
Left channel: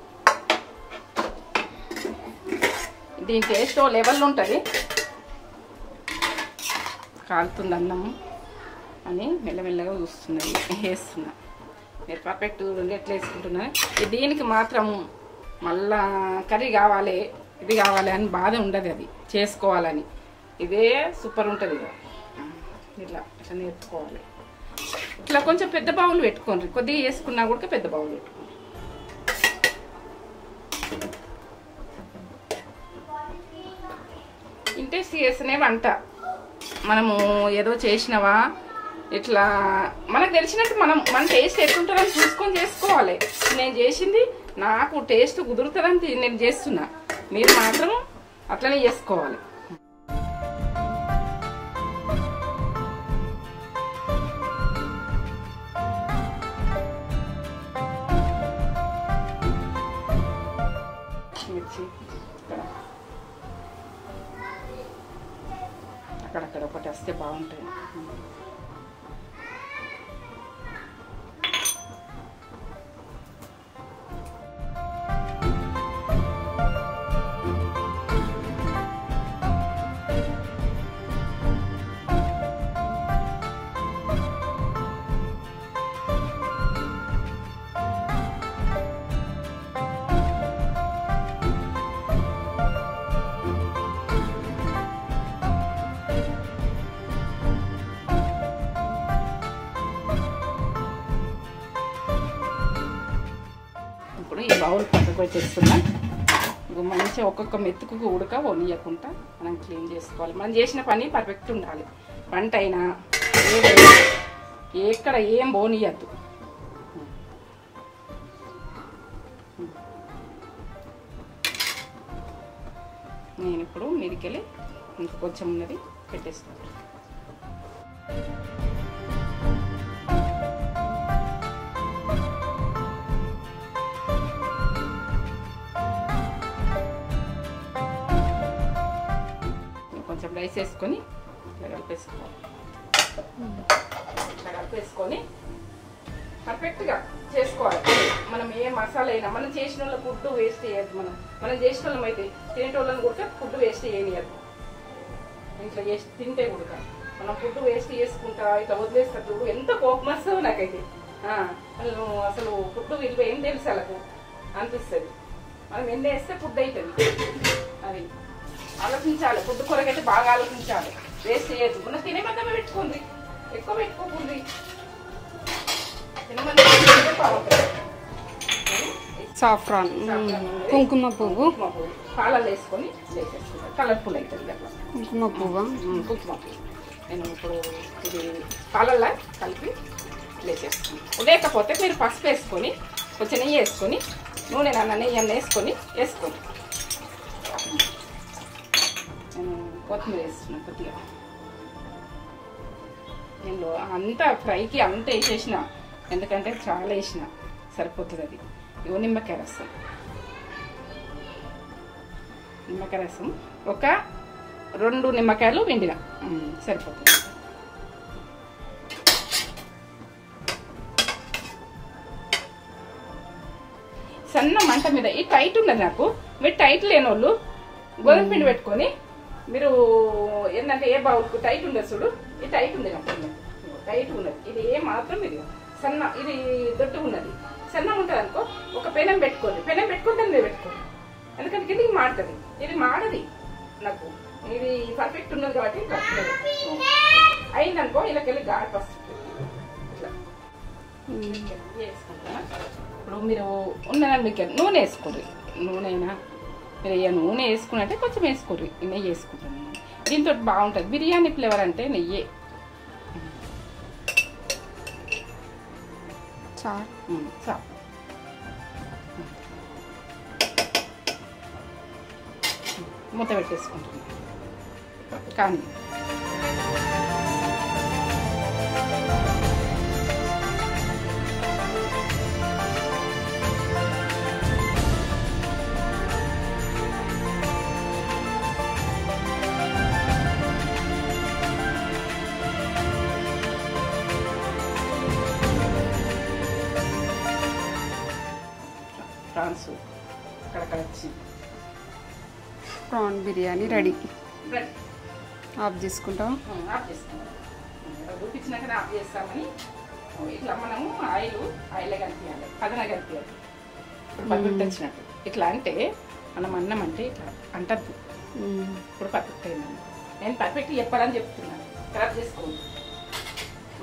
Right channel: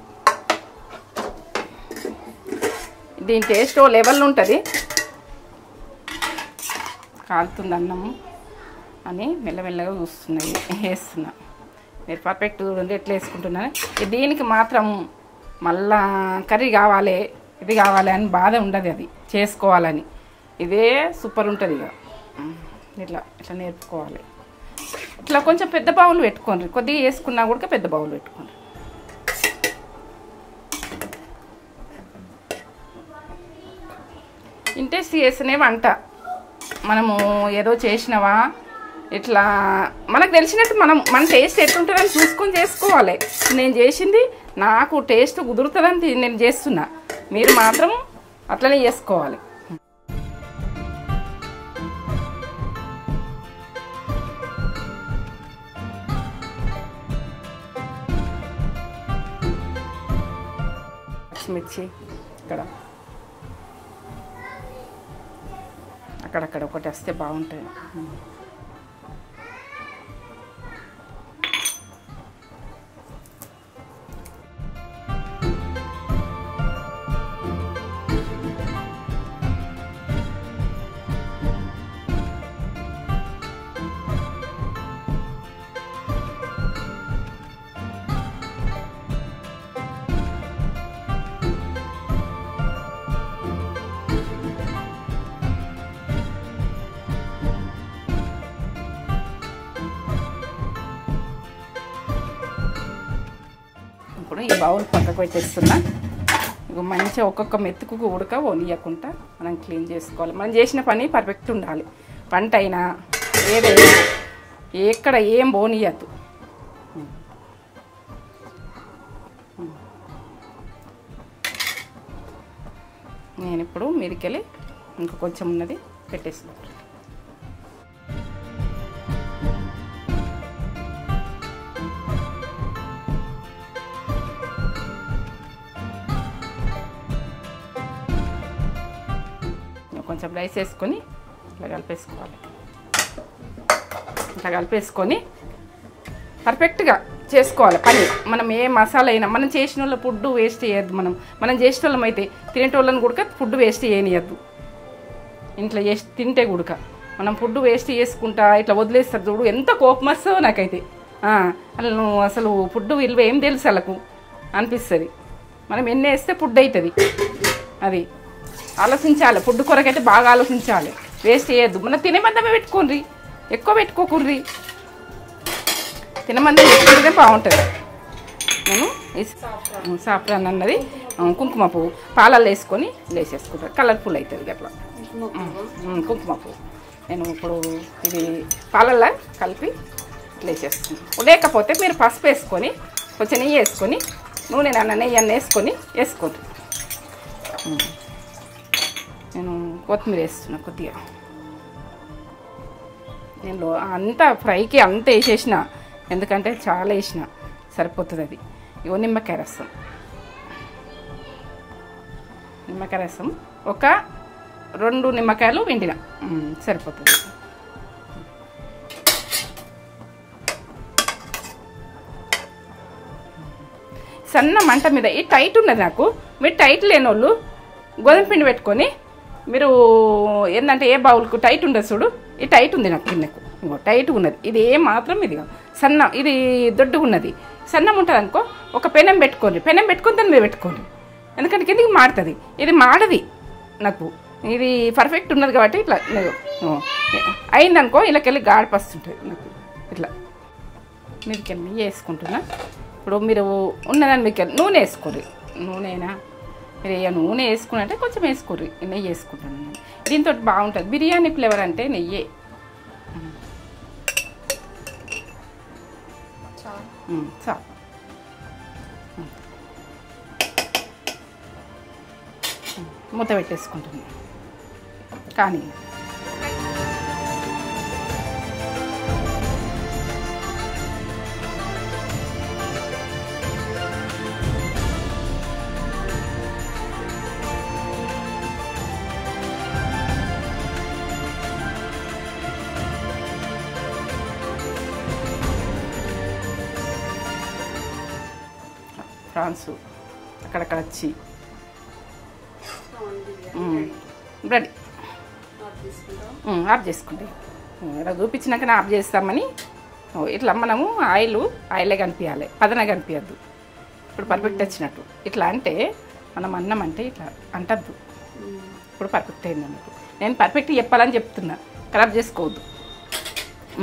దీని టేస్ట్ లెవెల్ ఉంటుంది. కాలుతుంది అన్నం అని మెల్లమెల్లగా చూస్తున్నాయి వేస్తున్నా. మీరు పర్ఫెక్ట్ చూడండి ఎట్లా వేసుకుంటున్నాను. దీనికి మాత్రం మళ్ళా కర్రీ కావాలి ఇది కావాలి అని బాధ ఉండదు, అది చేసుకోవాలని. ఇదే సూపర్ ఉంటుంది. ఇట్లా ఇట్లా నేర్చుకోవాలి. ఇట్లా కొంచెం పెద్ద బౌల్ పెట్టుకోండి, కొద్దిగా వేసుకున్నా కూడా పెద్ద బౌల్ పెట్టుకోండి. ఇంట్రెస్ట్ చేస్తేనే వంట. మనము ఏదో చేసినావా ఇట్లా మనకు తెలిసినట్టు మన టేస్ట్ ఎట్లుంటుందని చూసుకొని చేసుకోవాలి. నేను చేసింది నాకు టేస్ట్ కుదురుతుందని నేను చేస్తున్నా, మీరు మాత్రం అట్లనే చేసుకోవాలి. మిర్చి ఇక్కడ అక్కడక్కడ ఒకటి వస్తే బాగుంటుంది. ఇప్పుడు ఈ బౌల్ పక్కకు పెట్టేస్తున్నా. మంచిగా ఒక్కొక్క మెతుకు ఉడక వనియకుండా మనం క్లీన్ చేసుకోవాలి. మనం చేసిన పని పర్ఫెక్ట్ ఉండాలి. పంట అయినా ఏదైనా ఎక్కడ ఏం పోనీయద్దు. నేను ఇప్పుడు మీరికెళ్ళి ఇంకా కొంచెం ఉన్నది పెట్టేస్తాను. కొంచెం రైస్ వేసుకొని ఇట్లా కలిపేసుకోవాలి. ఇట్లా కలిపేసుకొని పర్ఫెక్ట్గా చేసుకోవాలి పని. మనం ఏ మసాలా అయినా మనం చేసిన వాళ్ళ ఫుడ్ వేస్ట్ చేయొద్దు. మనం చేసిన వాళ్ళం అయితే తినేటోళ్ళని కూడా ఫుడ్ వేస్ట్ చేయనియద్దు. ఇంట్లో చేసి తింటే కూడా మనం ఫుడ్ వేస్ట్ చేసుకుంటా ఇట్లా వదిలేస్తారు చూడు, ఎంత కోపం వస్తుందో నాకైతే. అసలు ఫుడ్ విలువ ఏం తెలుసు వాళ్ళకు అనిపిస్తుంది. మనం ఎన్ని వేస్తే ఫుడ్ అవుతుంది. అది ఆలోచించాలి. ఫుడ్ కొరకైతే బాగా ఆలోచించాలి. వేస్ట్ చేయొద్దు. మనం తినేమందమే పెట్టుకోండి, ఎక్కువ పెట్టుకోకుండ్రి. తినమందం పెట్టుకుంటే బాగుంటుంది. నేను సాఫ్రాన్ అన్నది కుంకుమ పువ్వు పాలల్లో వేసుకొని వేసేసుకుంటాను. కలర్ఫుల్ అవుతుంది అట్లా కుంకుమ పువ్వు. నేను ఇప్పుడు ఇది పాలల్లో కలిపి వేసేసుకుంటాను. లేకపోతే మీరు పసుపు వేసుకొని కొంచెం నెయ్యి వేసుకొని నూనె నెయ్యి అన్న వేసుకోండి. నేను కొత్తిమీర వేస్తున్నా కొద్దిగా. నేను అంతా ఫ్రైకి అంతా వేసేసిన, ఎందుకంటే చాలా వేసిన సరిపోతుంది. అది ఇవో నిమ్మకాయ రసం ఒక 2 నిమ్మకాయలు పిండిన సరిపోతుంది. సన్న మంట మీద ఈ టైట్ ఉన్నది నాకు. మీరు టైట్ లేని వాళ్ళు గోధుమ పిండి పెట్టుకొని మీరు ఏంటంటే ఏ బౌల్కు టైట్ ఉండదు చూడు, ఈ టైట్ ఉంది నాకు కిందకు టైట్ ఉన్నది. ఇది ఏ మాత్రం ఇది సన్న, ఇది దొడ్డుగా ఉన్నది. సన్నం ఉంటుంది అనుకో, ఒక పెనం పెట్టుకోండి. పెనం పెట్టుకుని దాన్ని మీద పెట్టుకోండి, ఎందుకంటే కిందికి మాడుతుంది. ఇది మాడది నాకు. ఇది పర్ఫెక్ట్ ఉన్నది కాబట్టి ఇట్లా అయిందనుకో ఇలాకెళ్ళి గాడిపస్తుంటుంది నాకు. ఇట్లా మీరుకెళ్ళి వేసుకుంటున్నా. ఇప్పుడు మీరు ఉన్నదాన్ని మీకు నూనె వేసుకోండి. నూనె అయినా మీరు నూనె వేసుకున్నట్టే కొంచెం వేసుకోర్రి. నెయ్యి వేసుకుంటాను. దీంతో బాగుంటుంది బిర్యానీ ఫ్లేవర్ అంటే నెయ్యే. చాలు మూత పెట్టేసుకుంటున్నాను కానీ ప్రాన్స్ అక్కడక్కడ వచ్చి prawn biryani ready. Ready. Off చేసుకుంటాం. ఆఫ్ చేసుకుంటాం. ఇలా చూపించినాకనే ఆఫ్ చేస్తామని ఇట్లా మనము ఆయిలే కనిపించాలి, పదన కనిపించద్దు. ఇప్పుడు పర్ఫెక్ట్ వచ్చినట్టు ఇట్లా అంటే మనం అన్నం అంటే ఇట్లా అంటద్దు. ఇప్పుడు పర్ఫెక్ట్ అయింది. నేను పర్ఫెక్ట్ చెప్పాలని చెప్తున్నా, ఖరాబ్ చేసుకోవద్దు.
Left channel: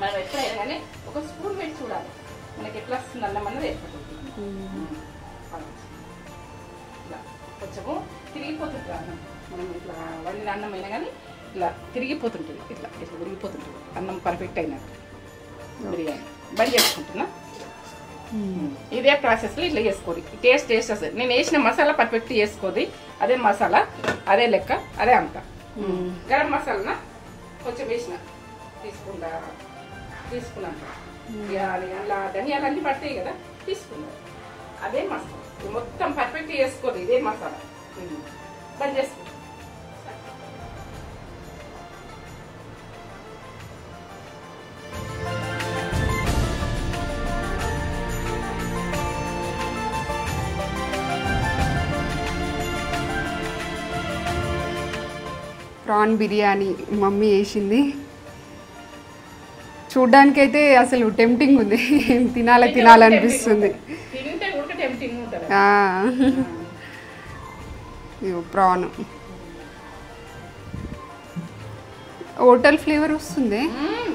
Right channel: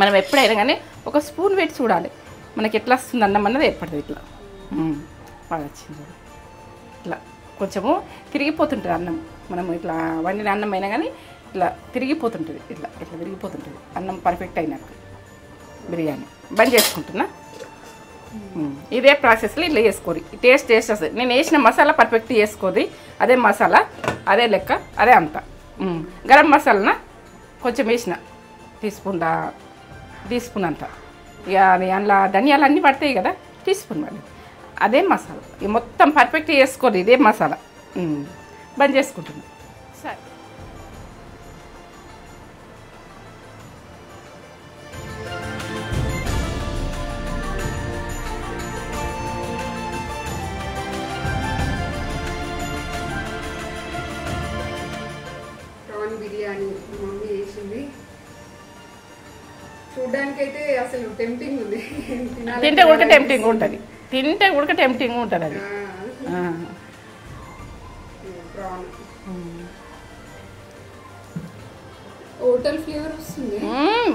మనం ఎప్పుడైనా కానీ ఒక స్పూన్ పెట్టి చూడాలి మనకి ఎట్లా వస్తుంది అన్నం అన్నది ఏర్పడుతుంది. ఇట్లా బాగా వచ్చింది. ఇట్లా కొంచెము తిరిగిపోతుంటుంది అన్నం. మనం ఇట్లా వండిన అన్నం అయినా కానీ ఇట్లా తిరిగిపోతుంటుంది. ఇట్లా ఇట్లా తిరిగిపోతుంటుంది అన్నం పర్ఫెక్ట్ అయినట్టు. బిర్యానీ బంద్ చేసుకుంటున్నా. ఇదే ప్రాసెస్లో ఇట్లా చేసుకోరి. టేస్ట్ వస్తుంది. నేను వేసిన మసాలా పర్ఫెక్ట్ చేసుకోది. అదే మసాలా, అదే లెక్క, అదే అంత. గరం మసాలాన కొంచెం వేసిన టీస్పూన్ అంత. ఇక అందులో ధనియాలు అన్నీ పడతాయి కదా, టీస్పూన్ మరి అదే మసాలా. ఇక మొత్తం పర్ఫెక్ట్ చేసుకోదు. ఇదే మసాలా బంద్ చేసుకుంటుంది. సరే. ప్రాన్ బిర్యానీ మమ్మీ చేసింది. చూడ్డానికైతే అసలు టెంప్టింగ్ ఉంది. తినాలనిపిస్తుంది. తింటే కూడా టెంప్టింగ్ ఉంటుంది. ప్రాన్ హోటల్ ఫ్లేవర్ వస్తుంది.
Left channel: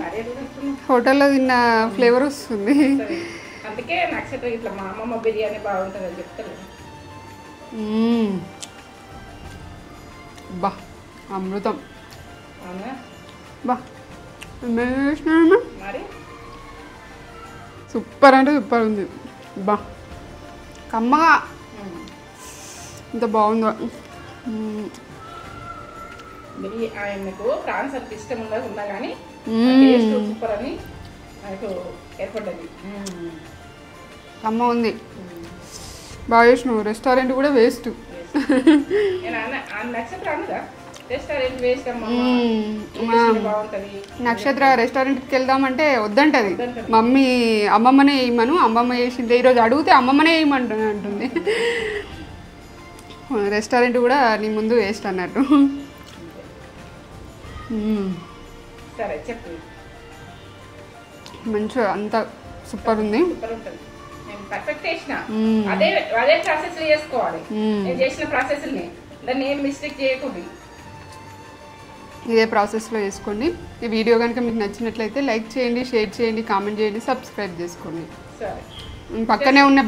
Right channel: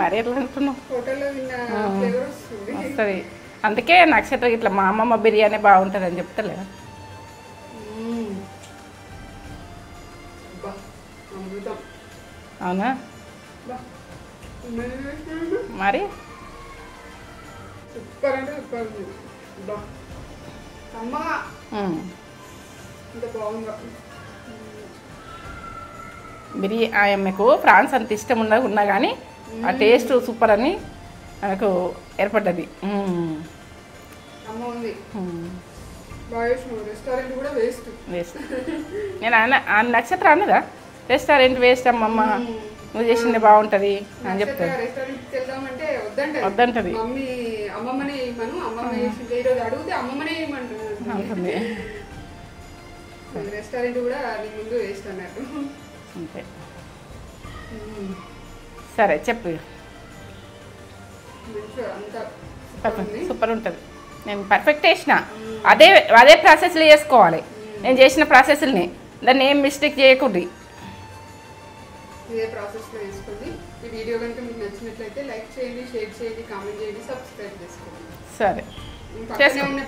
మరి ఎట్లా తింటున్నావు? హోటల్లో తిన్న ఫ్లేవర్ వస్తుంది. అందుకే నక్షత్రం ఇట్లా మా అమ్మమ్మ బిర్యానీ బాగుంటుంది అని చెప్తలే. బా అమృతం. అవునా? బా మరి సూపర్ అంటే సూపర్ ఉంది. బా కమ్మగా ఇంత బాగుందో. బిర్యానీ మీకు ప్రాన్స్ అంత ఇష్టం ఉన్నా కానీ ఆ టేస్ట్ సూపర్ అని నాకు ఏర్పడ్డది. కమ్మ ఉంది. బాగా చేసినావు. రెస్టారెంట్ కూడా వేస్ట్. నేను నక్షత్రం అన్నదా రెస్టారెంట్ వేస్ట్ అమ్మమ్మ, నువ్వు చేసింది బాగుంటది. నక్షత్ర రెస్టారెంట్కి వెళ్దామంటే వద్దంటది. మమ్మీ అమ్మమ్మనే వేయమను, అమ్మమ్మ చేసింది. ఈరోజు అడిగితే అమ్మమ్మనే వేయమంటుంది. రెస్టారెంట్ కూడా నీ ముందు వేస్ట్ అన్నట్టు. సరే చెప్పు. మంచిగా అంత సూపర్ ఉంది. సూపర్ ఉంటుంది. నేను పర్ఫెక్ట్ చేసిన అదే ప్రాసెస్లో చేసుకోవాలి. నేను చేసిన ప్రాసెస్ని దాన్ని ఏం మిస్టేక్ చేయకూడదు. ఇదే ప్రాసెస్లో వేసుకోండి. ఈ వీడియో కనుక మీకు నచ్చినట్లయితే లైక్ చేయండి, షేర్ చేయండి, కామెంట్ చేయండి, సబ్స్క్రైబ్ చేసుకోండి. సరే. పక్కనే ఉన్న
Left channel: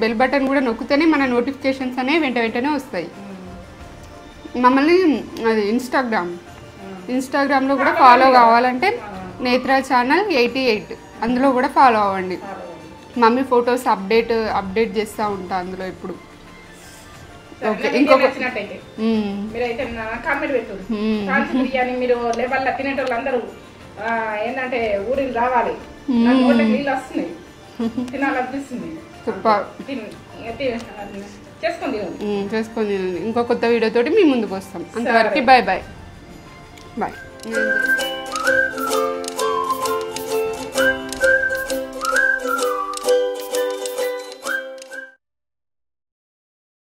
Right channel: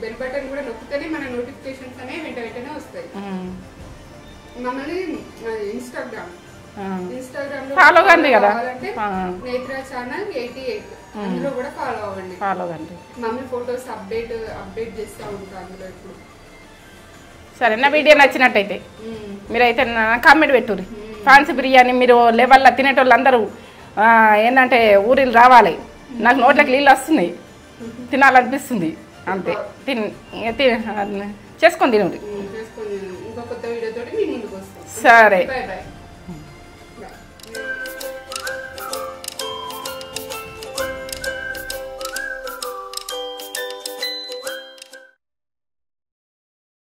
బెల్ బటన్ కూడా నొక్కితేనే మన నోటిఫికేషన్స్ అనేవి వెంటనే వస్తాయి. మమ్మల్ని అది ఇన్స్టాగ్రామ్లో కూడా ఫాలో కావాలంటే నేత్ర ఛానల్ 88 అందులో కూడా ఫాలో అవ్వండి. మమ్మీ ఫొటోస్ అప్డేట్ చేస్తూ ఉంటా అందులో ఎప్పుడు. సరే, నా వీడియో నచ్చినట్టయితే మీరైతే కామెంట్ పెట్టుర్రి. ఫ్రాన్స్ బిర్యానీ మీరు లెవెల్లో తినేటోళ్ళు అందరూ ఏంటంటే ఊరిని రావాలి. నాకు నోట్లకి నీళ్ళు వస్తున్నాయి, తినాలనిపిస్తుంది. చేసుకొని తినండి. ఇంకో కొత్త వీడియోతోటి మీ ముందుకు వస్తాం. సరే, బాయ్.